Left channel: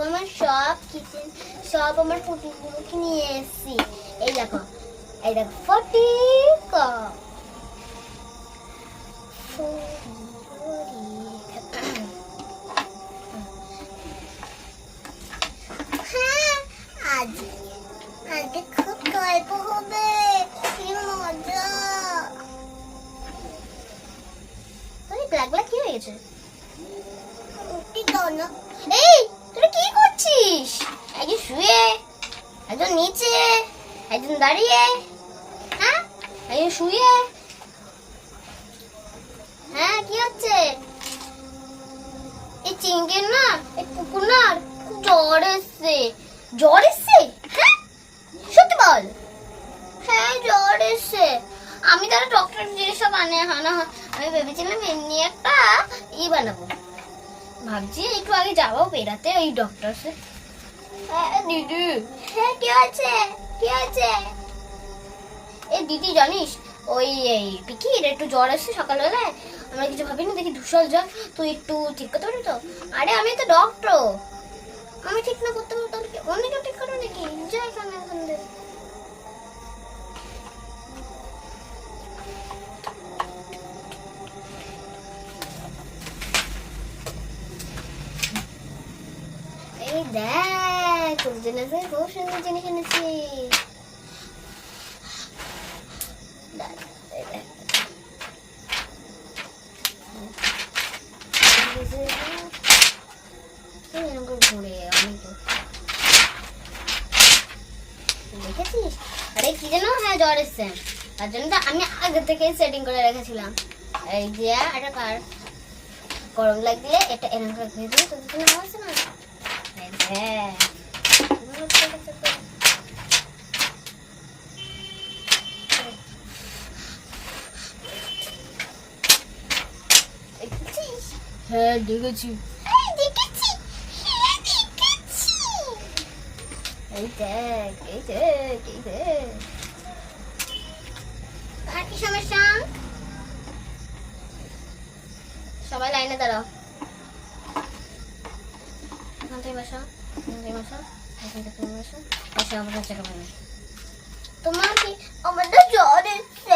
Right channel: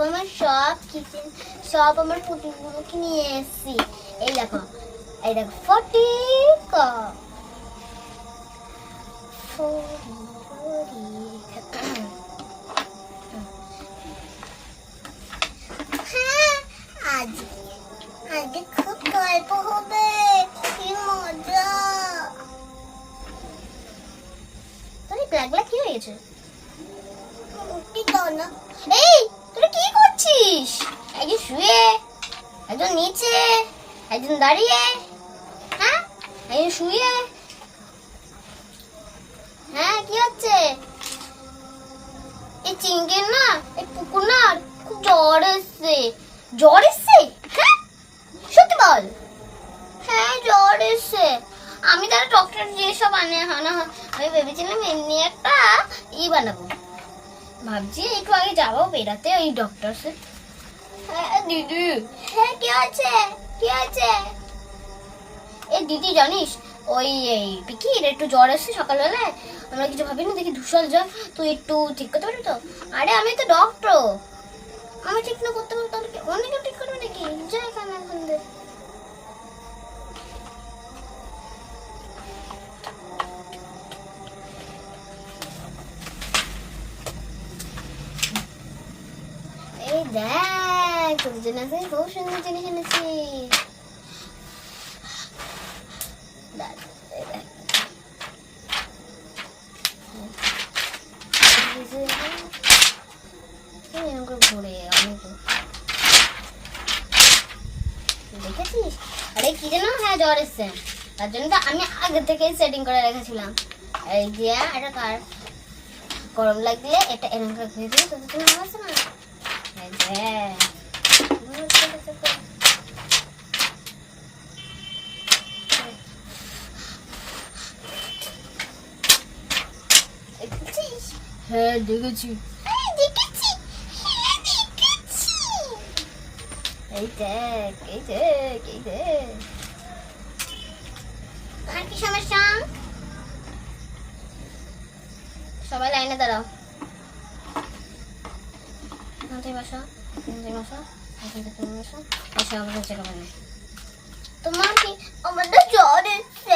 দেখো আমার সব কিচেন সব আমার পুটিগুলোকে নিয়ে এসেছি। এই দেখো ফটিকা হ্যাঁ আজকে খুব গল্প হবে, কি মজা। লাগলা কি হয়েছে? উঠি দাও না। এই তুই কি করছিস? একজন শুয়ে, একজন নিচে, একজন দাঁড়িয়ে। হ্যাঁ একজন শুয়ে। হ্যাঁ কি হচ্ছে? এই চিংড়ির না, এই পুকুর না খুব জ্বর এসছে। জ্বর এসছে? হ্যাঁ সত্যি বল। হ্যাঁ জ্বর এসছে। আমি তাহলে ডক্টর যেসব আনা আমি ভেবেছিলাম এমনি একটা বানাবো। ভাবছি একটু আগে যাবো বেড়াতে ওই ডক্টর। হ্যাঁ দিদি। হ্যাঁ কি আছে? কি আছে? এই দিদি জানিস ওই পিকির একটু জ্বর এসছে সকালবেলায়। আমরা কিছু ভাবিনি, দেখি ধূসর জ্বর। তুই একটু ঠিক করতে পারবি তো? আরে আমি তো ডক্টর, আমি ঠিক না করতে পারবো তাহলে অন্য কেউ ঠিক করবে নাকি? যা এখানে এখন দে। এই দেখ তোর জন্য খুব সুন্দর জিনিস এনেছি। ঘুরে আমি তো দেখেছিস? আরে কি যেন হ্যাঁ জ্বর এসছে, তার জন্য তো আমি আগে থেকে সেটিং করে রেখেছিলাম। এই যে এটা কার গরম লাগলে এটা এরকম করে ঘুরে দিলে তোদের জন্য আসছে না। হ্যাঁ দেখেছি। এই দেখ এই দেখ এই দেখ। আর কি সমস্যা? সবাই লাইনে দাঁড়াও। এখান থেকে বসো, এখান থেকে বসো, এখান থেকে তুমি বসো। এসে আমার কাছে খাবার নেই। তোমার কি আমাদের জ্বর এসছে?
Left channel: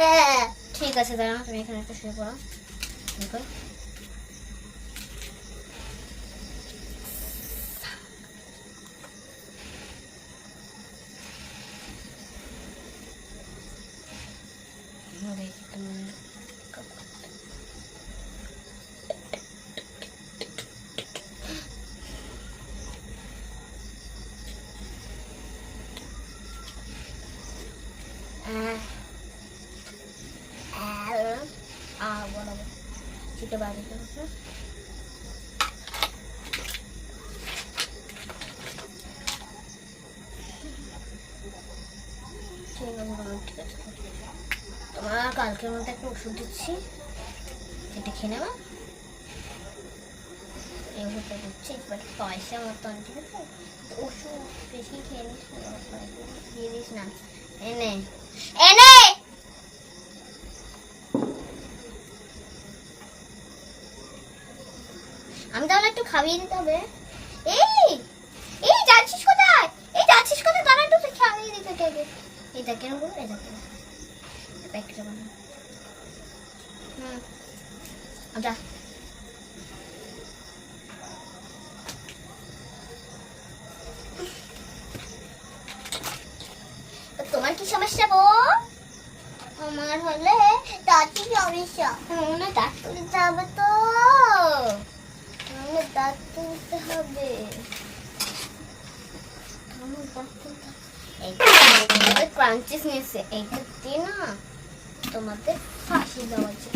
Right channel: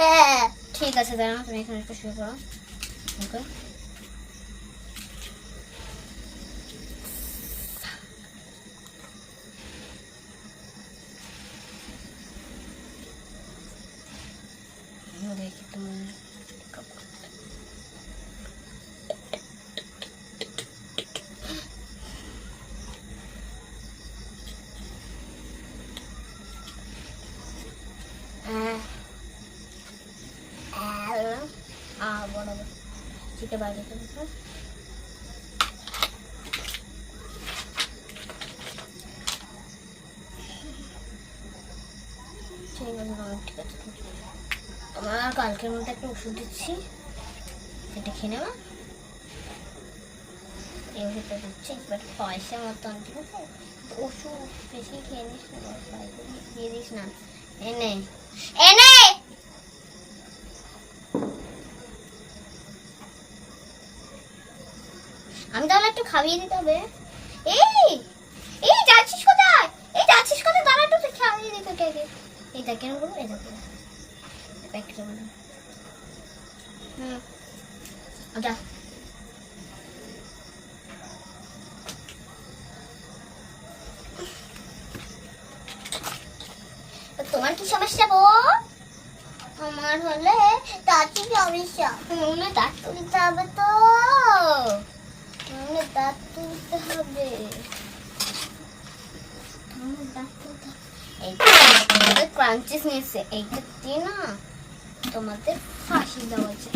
হ্যাঁ ঠিক আছে দাঁড়াও, তুমি এখানে একটু শুয়ে পড়ো। ওকে দেখি তোমার বরাবর চিটে বাইরে ঠিক আছে। তোমার কালকের মধ্যে একটা ওষুধ দিচ্ছি, সেটা খেয়ে নেবা। এই ওষুধটা দিচ্ছি বাট পয়সা মতন, ঠিক আছে? ওষুধ বেশি খেয়ে নিস না, দিয়ে দিস না। এনে এনে আমি তাহলে একটু খাইয়ে দিতে হবে। এই এই যাচ্ছিস কোথায়? এই যাচ্ছিস কোথায়? দাঁড়া একটু খাইয়ে দিতে আগে। এই দেখ কেন করবো, এই দেখো প্যাকেটটা বানা। যা তোমার কি সমস্যা গো? আমার হলে দাঁতই সমস্যা। দাঁত তুলতে হবে তো, দাঁত তুলতে হবে। ক্রাঞ্চিস নিয়েছে, এইটা দিয়ে না তোমাদের ফাঁসি দেওয়া আছে।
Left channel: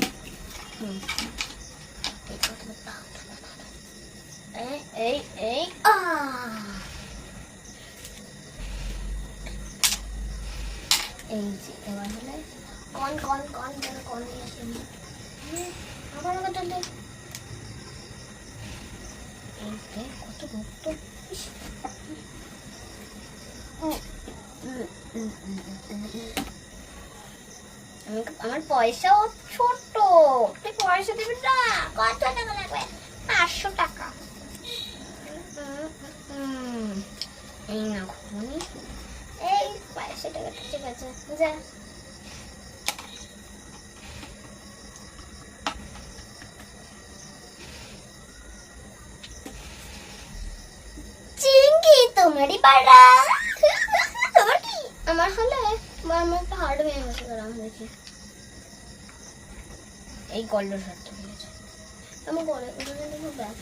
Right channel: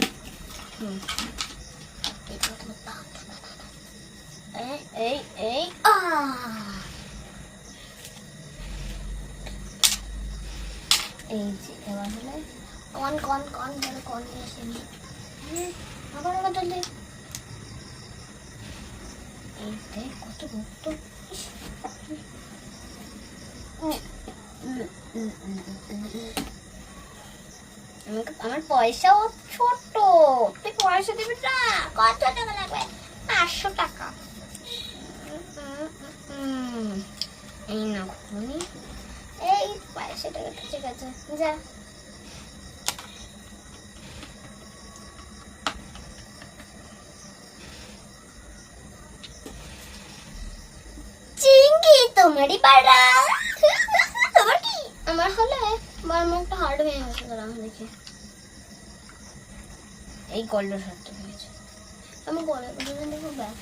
এই এই এই যে এবার হলে কন কন কন যেন কন আবার আবার জলদি। এই দেখ কত মুক্ত। আমার পয়সাও ছোট, তুই পয়সা দিবি না? কত টাকা লাগবে? 500 টাকা। এই না ঘুমনি, এই 500 টাকা, ঠিক আছে যা। চিঙ্কি তোমারই পাড়া। তোমার কি? আমার হলে আমার একটা হার্ট ভেঙে গেছে, দাঁড়াও দেখি। এই গল্ডের হার্টটা ভেঙেছে। আমি গলায় খুব ব্যাগ।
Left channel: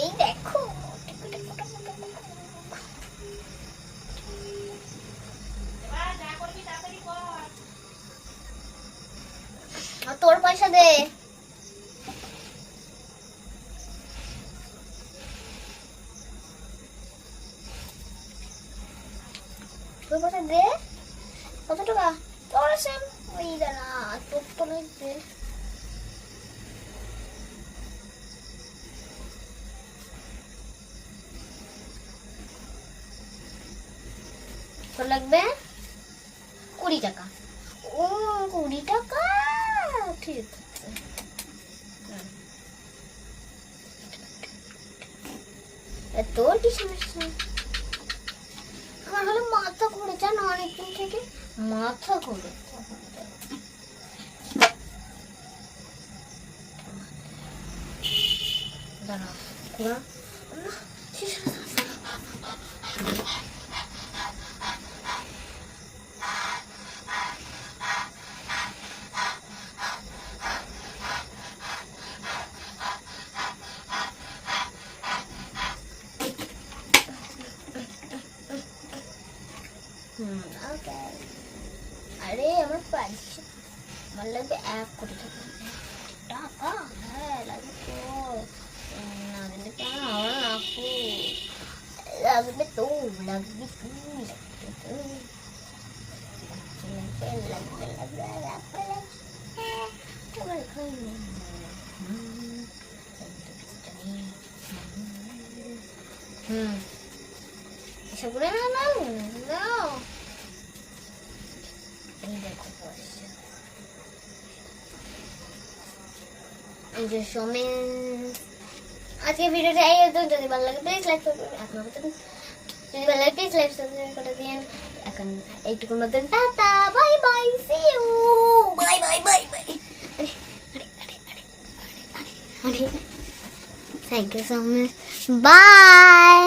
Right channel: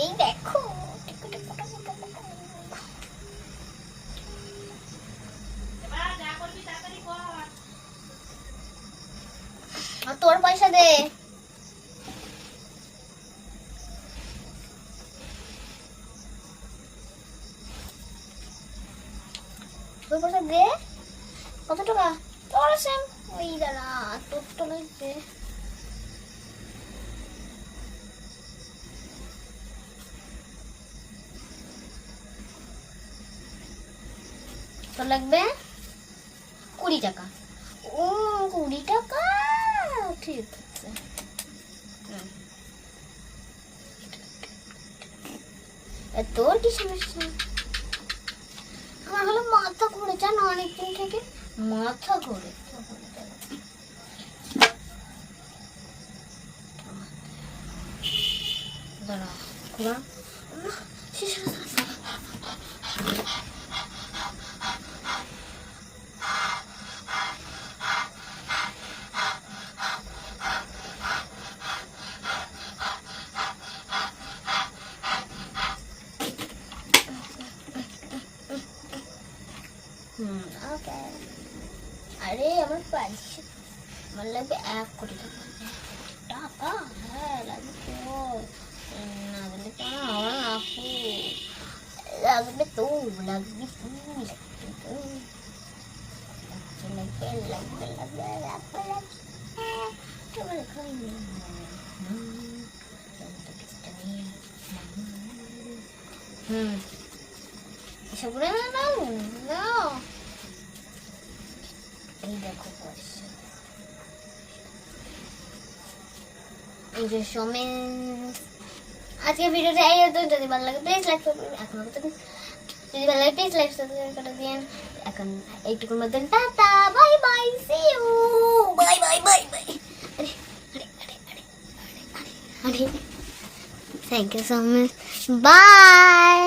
এই দেখো, তোর পয়সা দে। তোর পয়সা দে। কত টাকা তোর? সেম ওই দাঁড়া, তোর তো লাগবে। তোর লাগবে 20 টাকা। ও 20 টাকা, ঠিক আছে। তোর কি সমস্যা? আমার হলো মাথা ঘুরে, জানো অনেকদিন থেকে মাথা ঘুরে। দাঁড়া ঘুরা। ওকে। আরে আমার পাইছে, আমার লাগবে 1 কোটি টাকা। টাকা হ্যাঁ লাগবে তো, না দিলে কেন হবে না আপু? লাগবে তো, লাগবে তো, এসব করে না না না। এই দেখো পয়সা, এই যে সমেত। আজকে ভিডিওটা এই হতো, যদি ভালো লাগে প্লিজ লাইক করবেন। যদি ভালো লাগে প্লিজ লাইক সাবস্ক্রাইব করে দিন। এখন এইটুকুর মতন tata, bye bye, see you, bye bye bye bye. আরে thank you so much, bye,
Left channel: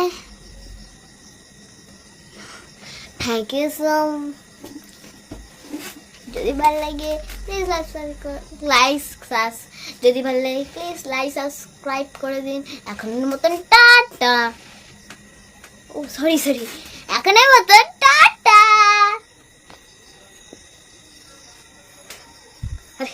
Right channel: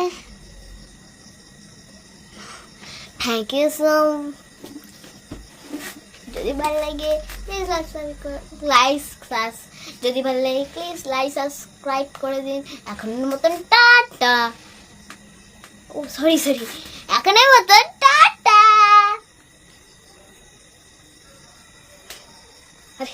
thank you so. যদি ভালো লাগে প্লিজ যদি ভালো লাগে প্লিজ লাইক সাবস্ক্রাইব করে দিন। এখনের মতন টাটা। ও সরি, এখনের মতন টাটা। আরে